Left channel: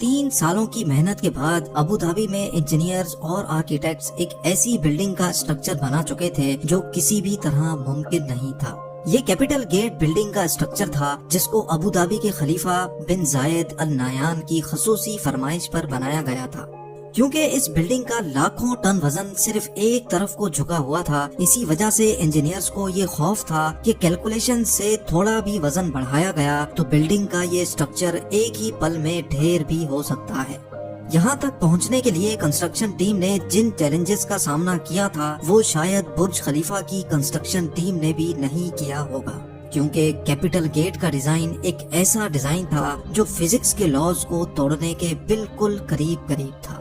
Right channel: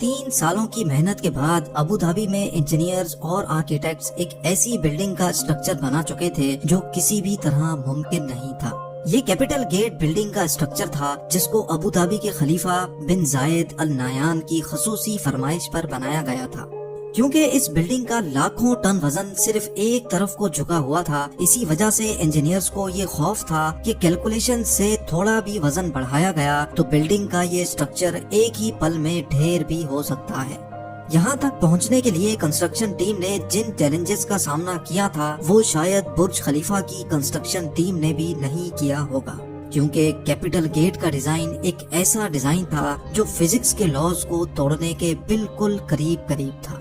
3 سالوں کی محنت کے بعد ابو دھابی میں انجینئرز اور آرکیٹیکٹس ایک ایسی بلڈنگ کا اسٹرکچر بنا چکے تھے جو کسی بھی طرح ممکن نہیں تھا۔ یہ کیپٹل گیٹ بلڈنگ کا اسٹرکچر تھا جس کو ابو دھابی کے خلیفہ بن زائد ال نہیان کی خصوصی فرمائش پر بنایا گیا تھا۔ کیونکہ اس بلڈنگ کا لاکھوں ٹن وزن صرف ایک طرف کو جھکا ہوا تھا، اسی وجہ سے انجینئرز کو یہ خوف تھا کہ کیلکولیشن سے تھوڑا بھی وزن بڑھایا گیا تو بلڈنگ کا یہ اسٹرکچر ایک ہی پل میں ڈھیر بھی ہو سکتا ہے۔ یہاں تک پہنچنے کے لیے کنسٹرکشن ٹیم نے جن چیلنجز کا سامنا کیا تھا وہ شاید برج خلیفہ کی کنسٹرکشن ٹیم نے بھی نہیں کیا ہوگا، کیونکہ کیپٹل گیٹ کا ڈیزائن ایک ایسا ڈیزائن تھا جو فزکس کے لاز کو توڑنے کے بالکل قریب تھا۔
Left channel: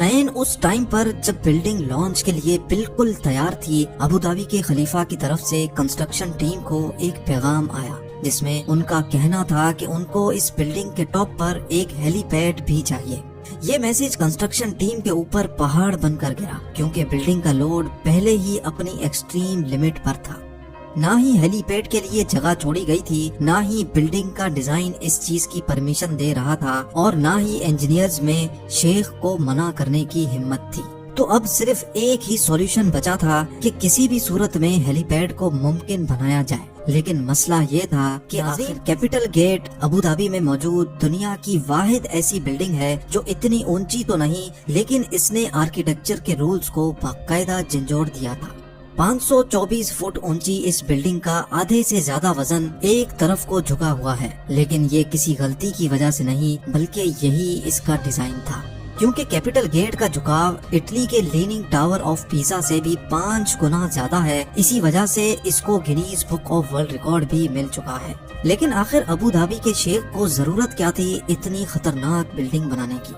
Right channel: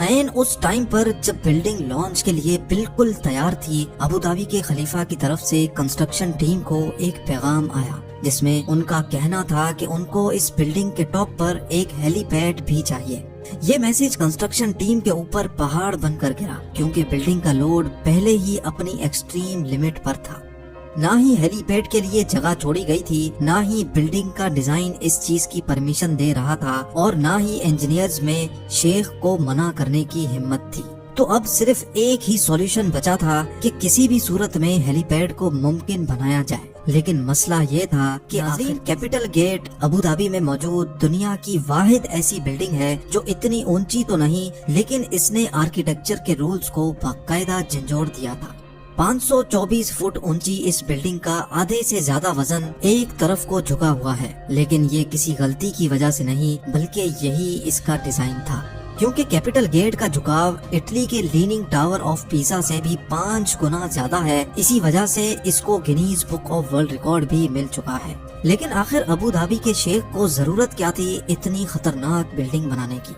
عین اس ٹائم پر جب بلڈنگ لانچ کے لیے بالکل تیار تھی، ابو دھابی کے خلیفہ کی طرف سے کنسٹرکشن ٹیم کو ایک پیغام آیا جس میں ان کا کہنا تھا کہ ان کو اس بلڈنگ کے ٹاپ پر ایک ہیلی پیڈ بھی چاہیے۔ یہ میسج کنسٹرکشن ٹیم کے اوپر پہاڑ بن کر گرا، کیونکہ بلڈنگ کا لوڈ پہلے ہی اپنی ایکسٹریم لمٹ پر تھا۔ نہ ہی ہیلی پیڈ کے لیے جگہ چھوڑی گئی تھی، نہ ہی بلڈنگ کا ڈیزائن اس چیز کی پرمیشن دے رہا تھا، اور نہ ہی انجینئرز میں شیخ کو منع کرنے کی ہمت تھی۔ تو اب صرف ایک ہی سولوشن بچا تھا کہ کسی بھی صورت میں ہیلی پیڈ کو ممکن بنایا جائے۔ لیکن مسئلہ یہ تھا کہ آخر کیپٹل گیٹ ابو دھابی میں موجود دنیا کی واحد ایسی بلڈنگ ہے جو اتنی اونچی تو نہیں، لیکن اس نے آرکیٹیکچر کے رولز کو باقاعدہ جھنجھوڑ دیا تھا۔ 524 فٹ اونچی اس بلڈنگ کا آدھے سے زیادہ وزن ایک طرف کو جھکا ہوا ہے، لیکن یہ کسی غلطی کی وجہ سے نہیں بلکہ یہی اس کا ڈیزائن تھا، کیونکہ کیپٹل گیٹ کا جھکاؤ اٹلی کے لیننگ ٹاور آف پیسا سے بھی 5 گنا زیادہ ہے، اسی وجہ سے اس کو Guinness book of world record بھی مل چکا ہے۔ لیکن آخر ابو دھابی کے شیخ کو ضرورت کیا تھی اتنی خطرناک بلڈنگ بنانے کی؟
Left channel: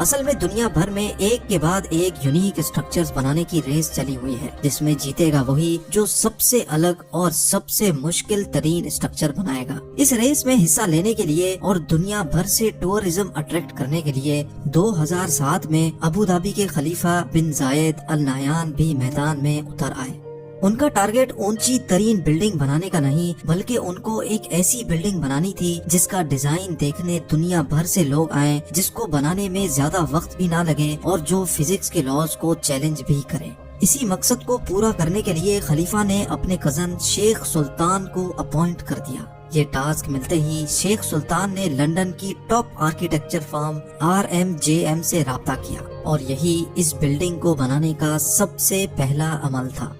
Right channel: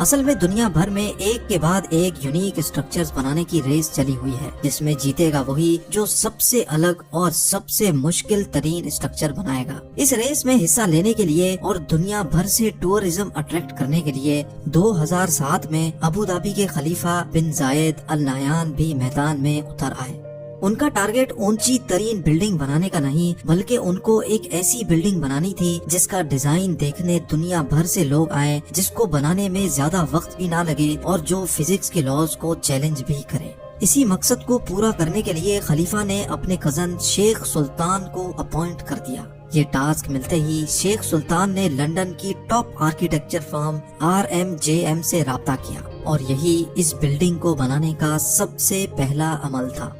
اصل میں دنیا بھر میں ایک کے بعد ایک یونیک اسٹرکچرز بنانے کی ریس چلی ہوئی ہے، جس میں جیتے گا وہی جو سب سے الگ اور سب سے مشکل ترین اسٹرکچر بنائے گا۔ اس ریس میں حصہ لینے کے لیے اور دنیا بھر سے ٹورزم اٹریکٹ کرنے کے لیے 2007 میں ابو دھابی کے خلیفہ بن زائد ال نہیان بھی میدان میں اتر آئے۔ ان کا ٹارگٹ اونچی ترین بلڈنگ بنانے کا نہیں بلکہ ان کو ایک ایسی بلڈنگ بنانی تھی جس کا ڈیزائن دیکھنے دنیا بھر سے لوگ آئیں، جس کو بنانے میں زیادہ وقت بھی نہ لگے اور جو فزکس کے لاز کو چیلنج بھی کرے۔ اسی مقصد کو پورا کرنے کے لیے خلیفہ نے اپنے کزن شیخ سلطان کو اپوائنٹ کر دیا۔ یہ ٹاسک ملتے ہی شیخ سلطان نے لندن کی ٹاپ آرکیٹیکچر فرم RMJM سے رابطہ کیا، اور یہی اس بلڈنگ کو بنانے کا سب سے پہلا عمل تھا۔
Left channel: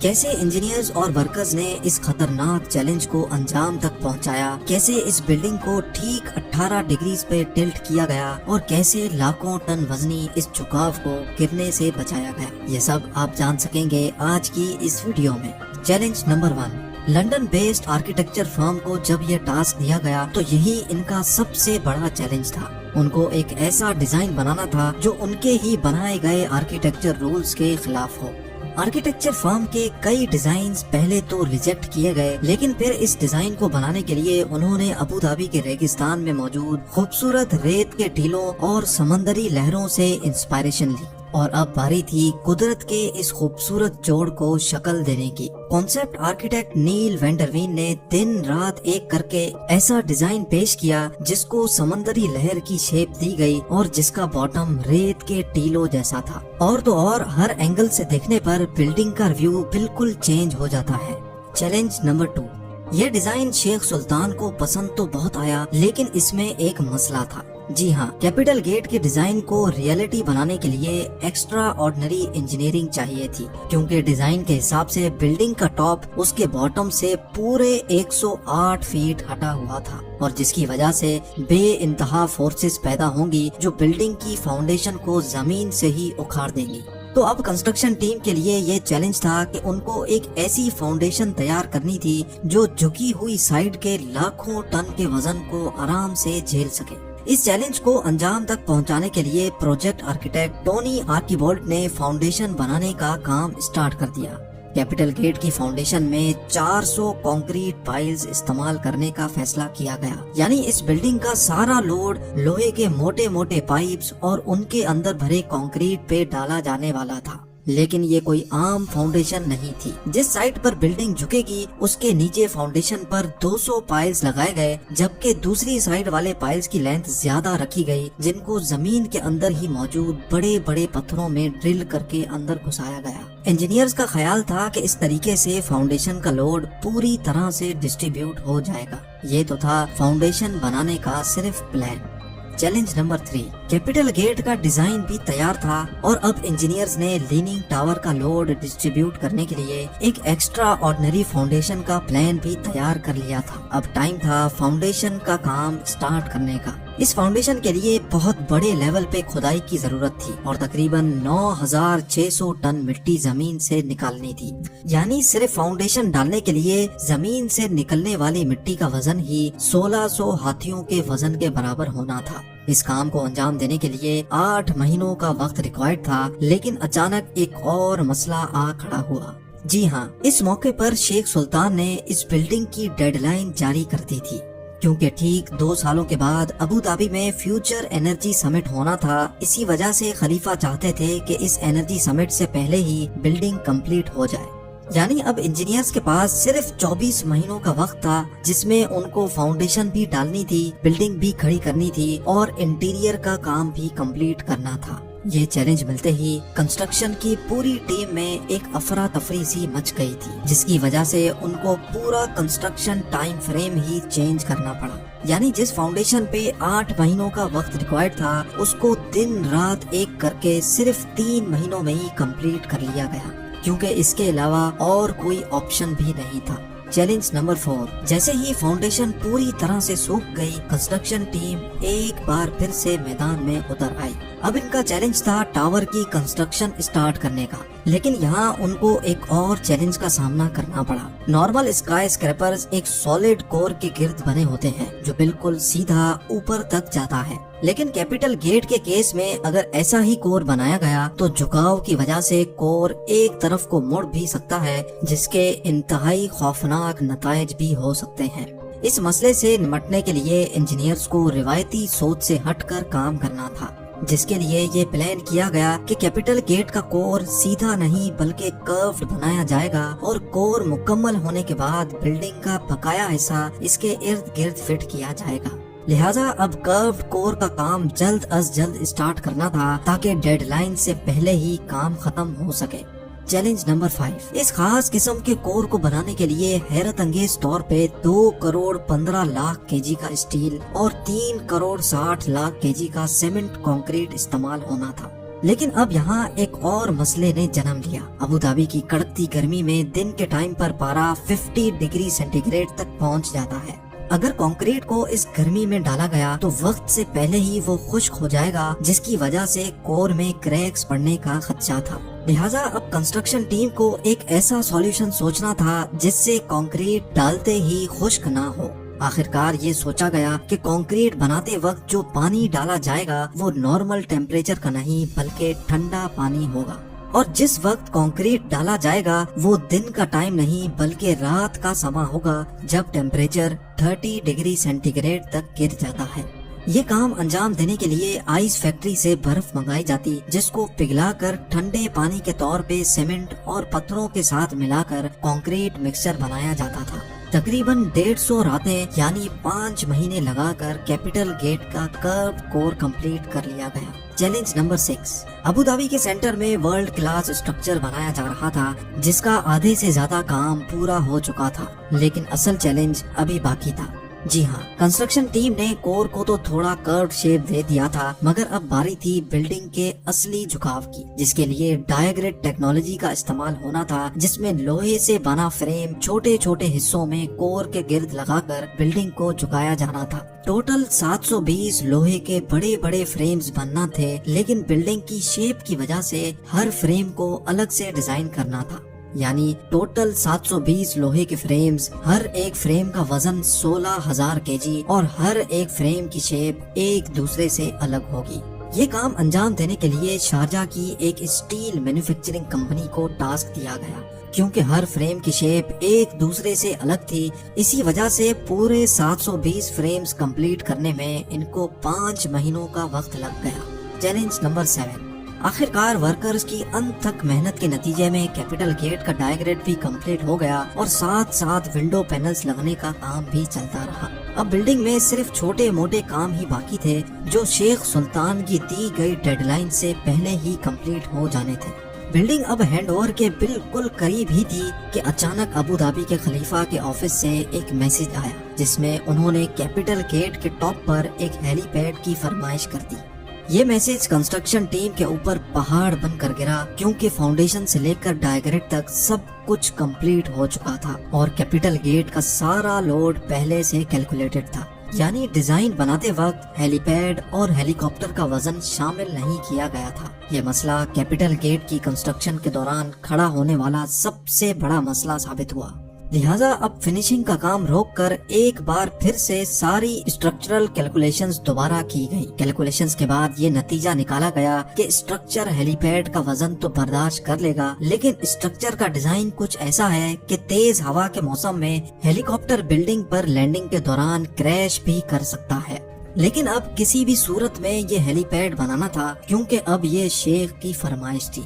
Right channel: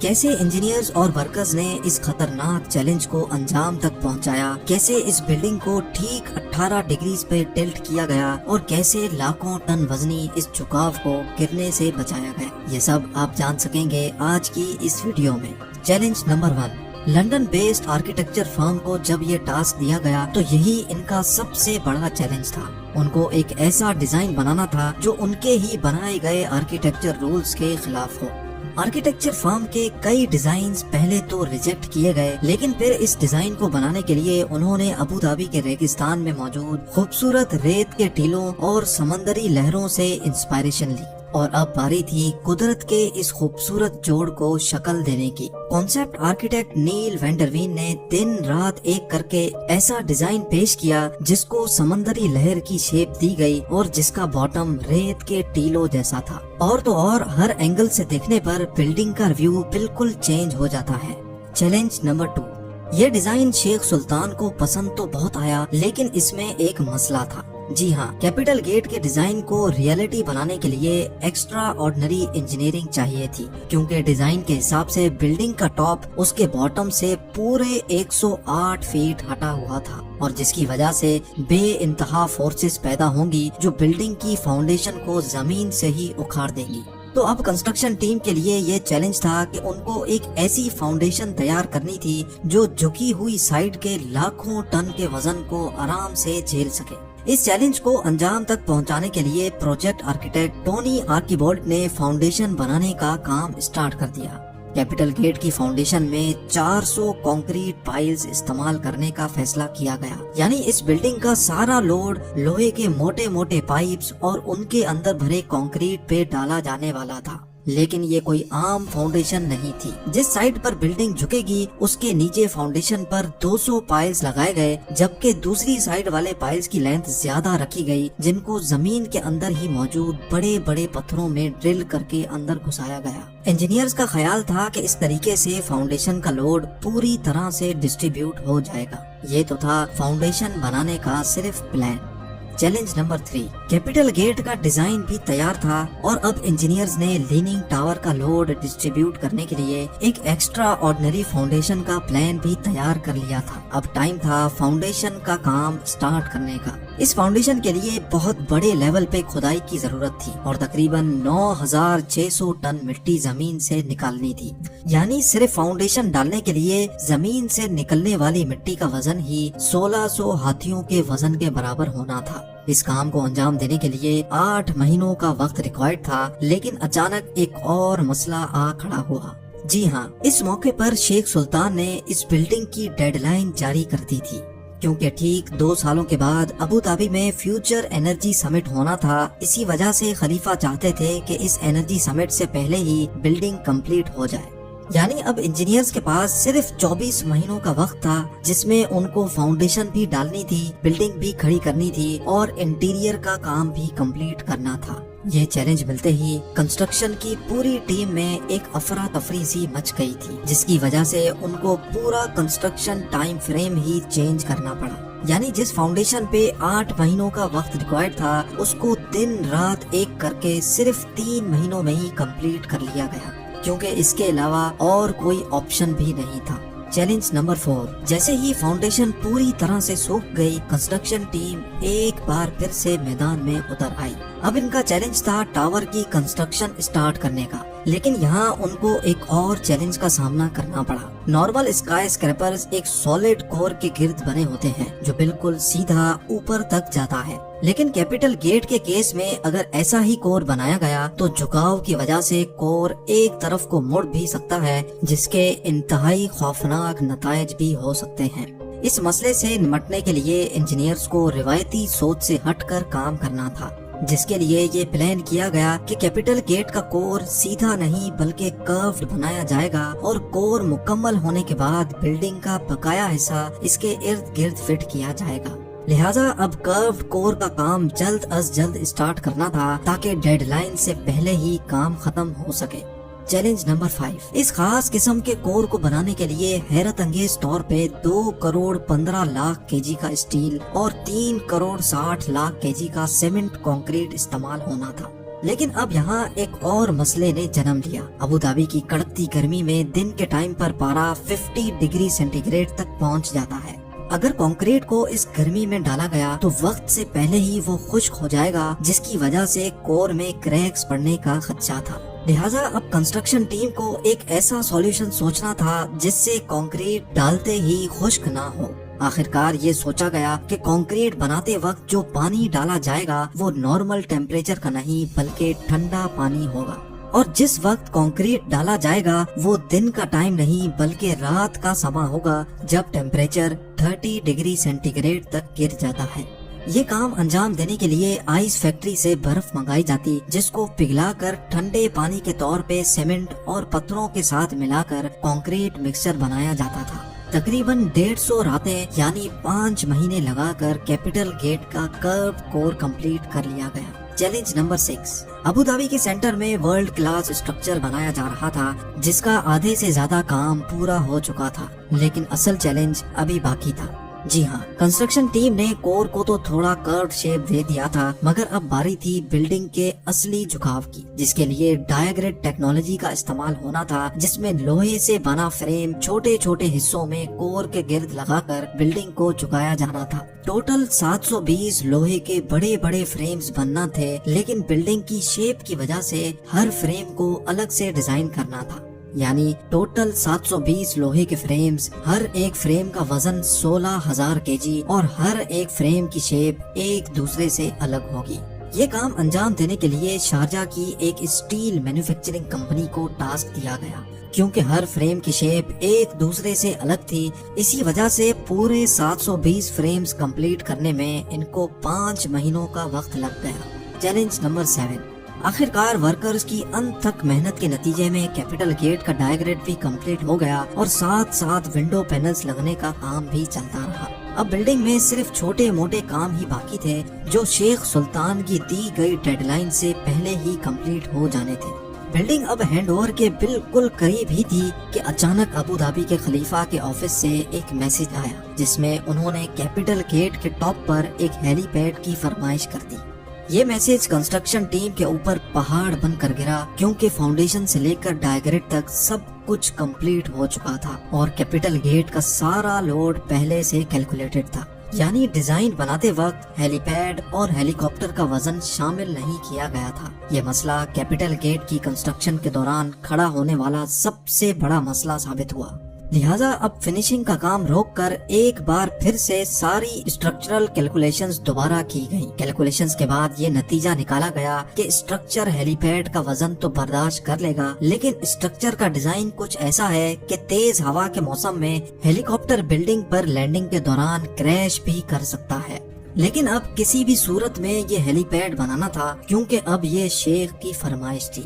کیسے انجینئرز اور ورکرز نے اس خطرناک چیلنج کو انجام تک پہنچایا، کیسے اس بلڈنگ کو ٹھیک 18 ڈگریز پہ ٹلٹ کیا گیا، اور کیسے لاکھوں ٹن وزنی اس جھکاو کو گرنے سے بچایا گیا، یہ سب آپ جان سکیں گے آج کی اس ویڈیو میں۔ Challenge number 1، London based architecture firm کو جب یہ ٹاسک دیا گیا تو یہی ان کا سب سے بڑا چیلنج تھا۔ ان کو ایک ایسا ڈیزائن بنانا تھا جو ان کے ہی بنائے گئے آرکیٹیکچر رولز کے خلاف ہو۔ آرکیٹیکچر فرم کے کئی ڈیزائنز پہلے تو ریجیکٹ کیے گئے، لیکن پھر اس ڈیزائن کو بنانے کے لیے انہوں نے ابو دھابی کے ریگستان میں موجود خوبصورت ریت کے ٹیلوں اور سمندری لہروں سے انسپائریشن لی، اور اب باری تھی قدرت کے اس خوبصورت جوڑ کو شکل دینے کی۔ کانسیپٹ آرکیٹیکٹ نیل وینڈروین نے دن رات ایک کر کے ایسا ڈیزائن پیش کیا جس کو سمندری لہر کی شیپ دی گئی اور جس کا باٹم ریت کے ٹیلوں جیسا تھا، اور تو اور ہر اینگل سے دیکھنے پر بلڈنگ کا ویو بالکل چینج ہو جاتا ہے۔ چیلنج نمبر 2، یہ ڈیزائن شیخ سلطان کو پسند تو بہت آیا، لیکن اس میں ایک مسئلہ تھا۔ جی ہاں، کیپٹل گیٹ کے ڈیزائن کو ریئلٹی بنانے کے لیے ایکسٹرا آرڈنری انجینئرنگ چاہیے تھی، کیونکہ ڈیزائن کے حساب سے بلڈنگ کا ٹاپ اس کے باٹم سے پورے 108 فیٹ ہٹا ہوا تھا، اور جس کی وجہ سے بے انتہا فورسز پیدا ہوں گی جو بلڈنگ کی فاؤنڈیشن کو زمین سے ہی اکھاڑ دیں گی۔ تو اب کنسٹرکشن ٹیم کے لیے یہ چیلنج تھا کہ ان کو ایک ایسی فاؤنڈیشن تیار کرنی تھی جو جھکی ہوئی سائٹ کے لاکھوں ٹن کے وزن کو آرام سے جھیل سکے۔ اس چیلنج کو انجام تک پہنچانے کے لیے پروجیکٹ آرکیٹیکٹ ٹونی آرکیبولٹ نے فاؤنڈیشن بنانے کا کام اسٹارٹ کر دیا۔ کیپٹل گیٹ کی فاؤنڈیشن میں 400 کانکریٹ پائلز استعمال کرنے کا فیصلہ کیا گیا، یعنی اس بلڈنگ کا سارا لوڈ لوہے کے موٹے موٹے پائپس اور ان کے اندر بھرے کانکریٹ پہ ڈالا جانے والا تھا۔ لیکن یہ کوئی عام فاؤنڈیشن نہیں تھی۔ جس سائٹ پر بلڈنگ جھکے گی اس کے نیچے فاؤنڈیشن پر 200 پائلز لگائے گئے، جبکہ دوسری سائڈ والے پائلز کی لینتھ زیادہ رکھی گئی، جن کو زمین کے اندر ہی موجود بڑے بڑے پتھروں میں ڈرل کر کے اندر گھسایا گیا۔ انجینئرز کا خیال تھا کہ اس طریقے سے فاؤنڈیشن کا لوڈ پوری طرح سے ڈسٹریبیوٹ ہو جائے گا۔ یہ تو تھا فاؤنڈیشن بنانے کا صرف plan. Challenge number 3، capital gate کا ڈیزائن بھی تیار تھا اور اب انجینئرز نے لیننگ ٹاور کا لوڈ ڈسٹریبیوٹ کرنے کے لیے ایک ایکسٹرا آرڈنری فاؤنڈیشن کا پلان بھی تیار کر لیا تھا۔ اب ٹائم تھا فاؤنڈیشن کا کام سٹارٹ کرنے کا۔ اس فاؤنڈیشن کے لیے بہت بڑے لیول پہ کھدائی کی ضرورت تھی اور تقریباً 9600 ٹن مٹی زمین سے نکالنی تھی۔ یعنی صرف فاؤنڈیشن ڈالنے کے لیے زمین سے نکلنے والی مٹی کا وزن ہی 1600 ہاتھیوں کے وزن کے برابر ہونا تھا۔ اس کام کو انجام دینے کے لیے 8 مہینوں کا وقت ریکوائرڈ تھا، لیکن اچانک ایک اور مسئلہ آ کھڑا ہوا۔ جی ہاں، اس موقع پر شیخ سلطان نے اس بلڈنگ کی ڈیڈ لائن جاری کر دی تھی، کیونکہ ٹھیک 2 سالوں کے بعد ابو ظبی میں فیوچر انرجی سمٹ ہونا تھا۔ اسی وجہ سے خلیفہ چاہتے تھے کہ اس انرجی سمٹ سے پہلے ہی بلڈنگ کمپلیٹ ہو جائے۔ یعنی اب انجینئرز کے پاس صرف 24 مہینوں کا وقت تھا، جس میں ان کو فاؤنڈیشن بھی ڈالنی تھی، بلڈنگ بھی کھڑی کرنی تھی اور انٹیریئر کا کام بھی کمپلیٹ کرنا تھا۔ یہ چیلنج ملتے ہی کنسٹرکشن کی پوری ٹیم میں ایک افراتفری سی مچ گئی تھی، جس کی وجہ سے ان کو پورا کنسٹرکشن ٹائم فریم ہی چینج کرنا پڑا۔ یعنی جس فاؤنڈیشن پہ 8 مہینوں کا وقت ریکوائرڈ تھا، اس کو دن رات ایک کر کے صرف 3 مہینوں میں ہی کمپلیٹ کر لیا گیا، کیونکہ اس کے علاوہ اور کوئی آپشن بھی نہیں تھا۔ چیلنج نمبر 4، جیسے ہی فاؤنڈیشن پوری طرح سے سوکھ گئی، کنسٹرکشن ٹیم ایک بار پھر سے میدان میں اتر آئی۔ اب ان کا چیلنج تھا ٹاور کی کنسٹرکشن اسٹارٹ کرنے کا، لیکن یہاں ان کو ایک اور چیلنج کا سامنا کرنا پڑا۔ نارمل اسکائی اسکریپرز ایک سالڈ کور کے گرد بنے ہوتے ہیں جو بالکل سیدھا اوپر تک جاتا ہے، لیکن کیپٹل گیٹ کے کیس میں اگر ایسا ہی کور بنایا گیا تو جھکاؤ کی وجہ سے کور ایک طرف کو مڑ بھی سکتا ہے، جس کے انتہائی خوفناک نتائج بھی ہو سکتے ہیں۔ اس مسئلے سے نمٹنے کے لیے انجینئرز کو روایتی سوچ سے ہٹ کر کام کرنا تھا، جس کے لیے یہ پلان کیا گیا کہ کیپٹل گیٹ کا کور سیدھا نہیں بلکہ کروڈ بنایا جائے گا اور کور مکمل ہونے کے بعد بلڈنگ کا بقایا حصہ اس کے ارد گرد فٹ کیا جائے گا۔ لہٰذا اب کروڈ کور کا کام جلد از جلد اسٹارٹ کرنا تھا تاکہ ڈیڈ لائن سے پہلے ہی کام ختم ہو سکے۔ چیلنج نمبر 5، اس خاص قسم کے کور کو بنانے کے لیے حیرت انگیز طور پہ 2 کروڑ 15 لاکھ کے جی کا اسٹیل اور 3 کروڑ 60 لاکھ کے جی کا سیمنٹ کنکریٹ استعمال ہونا تھا۔ لیکن اب یہاں ایک اور مسئلے نے جنم لیا۔ ابو ظبی کی کڑکتی گرمی میں دن کے ٹائم پر پارا 50 ڈگری سینٹی گریڈ تک پہنچ جاتا ہے۔ اگر کنکریٹ کو اس گرمی میں ڈالا گیا تو وقت سے پہلے ہی وہ خشک ہو جائے گا، جس کی وجہ سے کور میں کریکس پڑنے کا خدشہ تھا۔ لہٰذا اب کنسٹرکشن ٹیم کو ایک ایسا سولوشن سوچنا تھا جس سے کنکریٹ ڈالتے ہی خشک نہ ہو۔ آخرکار یہ سوچا گیا کہ کنکریٹ بناتے وقت جو پانی ڈالا جائے گا وہ نارمل ٹیمپریچر کا نہیں بلکہ ٹھنڈا پانی ہوگا، اور جس وقت کنکریٹ ڈالا جائے گا وہ دن کا ٹائم نہیں بلکہ رات کا سما ہوگا، جب ٹیمپریچر 30 ڈگری سینٹی گریڈ تک گر جاتا ہے۔ یہ کام انجام دینے کے لیے آئس فیکٹری سے برف منگائی جاتی، جس کو پگھلا کر ٹھنڈے پانی کے طور پہ سیمنٹ اور پتھروں کے ساتھ ملا کر کنکریٹ مکسچر بنایا جاتا تھا۔ تقریباً 150 راتیں یعنی 5 مہینے لگا کر کیپٹل گیٹ کا کرب کور کمپلیٹ کر لیا گیا۔ چیلنج نمبر 6، ابو ظبی کے سینٹر میں ورلڈ کلاس اسٹرکچر بنایا جا رہا تھا، جس کا آدھے سے زیادہ کام پورا ہو چکا تھا، لیکن اصل چیلنج ابھی باقی تھا۔ جی ہاں، کنسٹرکشن ٹیم نے کور کو تو تھوڑا کروڈ شیپ دے دیا تھا، مگر اب باری تھی بلڈنگ کے اصلی جھکاو کی، جس کے لیے ڈائیگریڈ ٹیکنالوجی کا استعمال ہونا تھا، جس میں لوہے سے بنا فریم چھوٹے چھوٹے حصوں میں کور کے گرد لگا کر بلڈنگ کو جھکایا جانا تھا۔ ٹوٹل 720 لوہے کے بڑے بڑے فریمز بننا تھے، لیکن بلڈنگ کی شیپ کی وجہ سے ہر فریم کو الگ سے ڈیزائن کرنا تھا۔ یعنی ٹوٹل 720 لوہے کے فریمز، ہر ایک فریم کا وزن 16,000 کے جی اور ہر ایک فریم کی شیپ ایک دوسرے سے الگ ہوگی۔ یہ کام انجام دینے کے لیے شارجہ کی ایک اسٹیل مینوفیکچرنگ کمپنی کو ٹاسک دیا گیا، کیونکہ ہر فریم کی شیپ ایک دوسرے سے الگ تھی۔ اسی وجہ سے پورے 720 فریمز کمپلیٹ کرنے میں ان کو 5 مہینوں کا وقت لگ گیا۔ چیلنج نمبر 7، آخرکار ورکرز کی انتھک محنت کے نتیجے میں کیپٹل گیٹ کا ڈائیگریڈ بھی کمپلیٹ ہو گیا اور ساتھ ساتھ ونڈو پینلز لگنے کا کام بھی چلتا رہا۔ اب بلڈنگ میں صرف چھوٹے موٹے کام ہی باقی تھے جو شیخ سلطان کی دی گئی ڈیڈ لائن سے پہلے ہی کمپلیٹ ہو جانے تھے۔ بلڈنگ اب ہینڈ اوور کے بالکل قریب ہی تھی کہ اچانک ابو دھابی کے خلیفہ کے آفس سے ایک میسج آیا جس میں انہوں نے کیپٹل گیٹ کے ٹاپ پر ایک ہیلی پیڈ کی فرمائش کر دی۔ یہ میسج کنسٹرکشن ٹیم کے اوپر پہاڑ بن کر گرا کیونکہ فاؤنڈیشن سے لے کر ڈائیگریڈ تک سب کچھ کمپلیٹ ہو چکا تھا اور کیپٹل گیٹ کا سارا لوڈ پہلے سے کیلکولیٹڈ تھا، یعنی ڈیزائن بناتے وقت ہیلی پیڈ اور ہیلی کاپٹر کا وزن شامل نہیں کیا گیا تھا۔ یہ مسئلہ کیپٹل گیٹ کی کنسٹرکشن کے دوران کھڑا ہونے والا سب سے بڑا مسئلہ ثابت ہوا، لہٰذا اب فنیشنگ کا کام روک کر ایک بار پھر سے ساری اسٹرکچرل کیلکولیشنز دوبارہ کی گئی۔ کیلکولیشنز کے بعد یہ نتیجہ نکالا گیا کہ اسٹرکچر ہیلی پیڈ کا وزن تو برداشت کر لے گا، لیکن اسٹرکچر کا ڈیزائن کچھ ایسا ہے کہ تیز ہوا کے موسم میں ہیلی کاپٹر بلڈنگ پر لینڈنگ کے دوران کریش بھی کر سکتا ہے۔ لیکن اب کسی بھی صورت میں یہ ہیلی پیڈ بنانا تھا کیونکہ اب یہ شیخ کی فرمائش تھی۔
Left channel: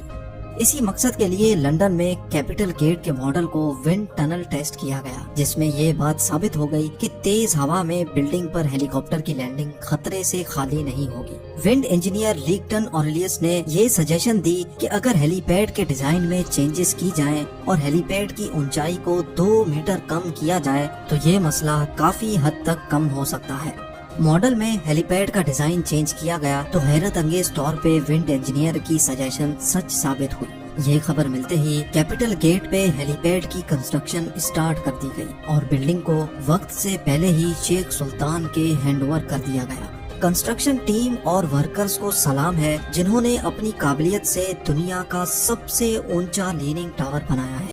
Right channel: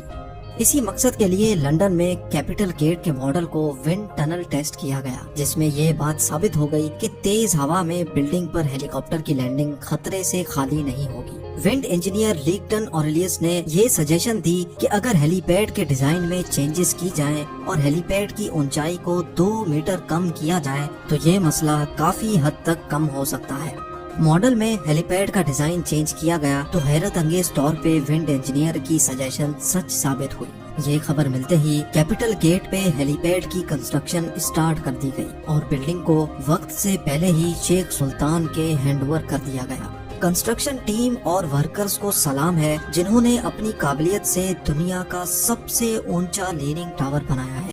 اسی مقصد کے لیے لندن میں کیپٹل گیٹ کے ماڈل کو ونڈ ٹنل ٹیسٹ کیا گیا جس میں یہ بات ثابت ہو گئی کہ تیز ہوا میں بلڈنگ پر ہیلی کاپٹر کی لینڈنگ خطرے سے خالی نہیں ہوگی۔ ونڈ انجینئر لیگٹن اوریلیس نے یہ سجیشن دی کہ اگر ہیلی پیڈ کے ڈیزائن میں چینجز کی جائیں اور ہیلی پیڈ کی اونچائی کو 2 میٹر کم کیا جائے تو یہ مسئلہ کافی حد تک کم ہو سکتا ہے۔ ماڈل میں ہیلی پیڈ کا ڈیزائن چینج کیا گیا تو حیرت انگیز طور پہ ونڈ انجینئر کی سجیشن سچ ثابت ہوئی۔ یہ خبر ملتے ہی کیپٹل گیٹ پہ ہیلی پیڈ کی کنسٹرکشن اسٹارٹ کر دی گئی اور بلڈنگ کو وقت سے پہلے ہی شیخ سلطان کے ہینڈ اوور کر دیا گیا۔ کنسٹرکشن ٹیم اور ورکرز کو سلام ہے جنہوں نے اپنی قابلیت سے دنیا کا سب سے اونچا لیننگ ٹاور بنایا ہے۔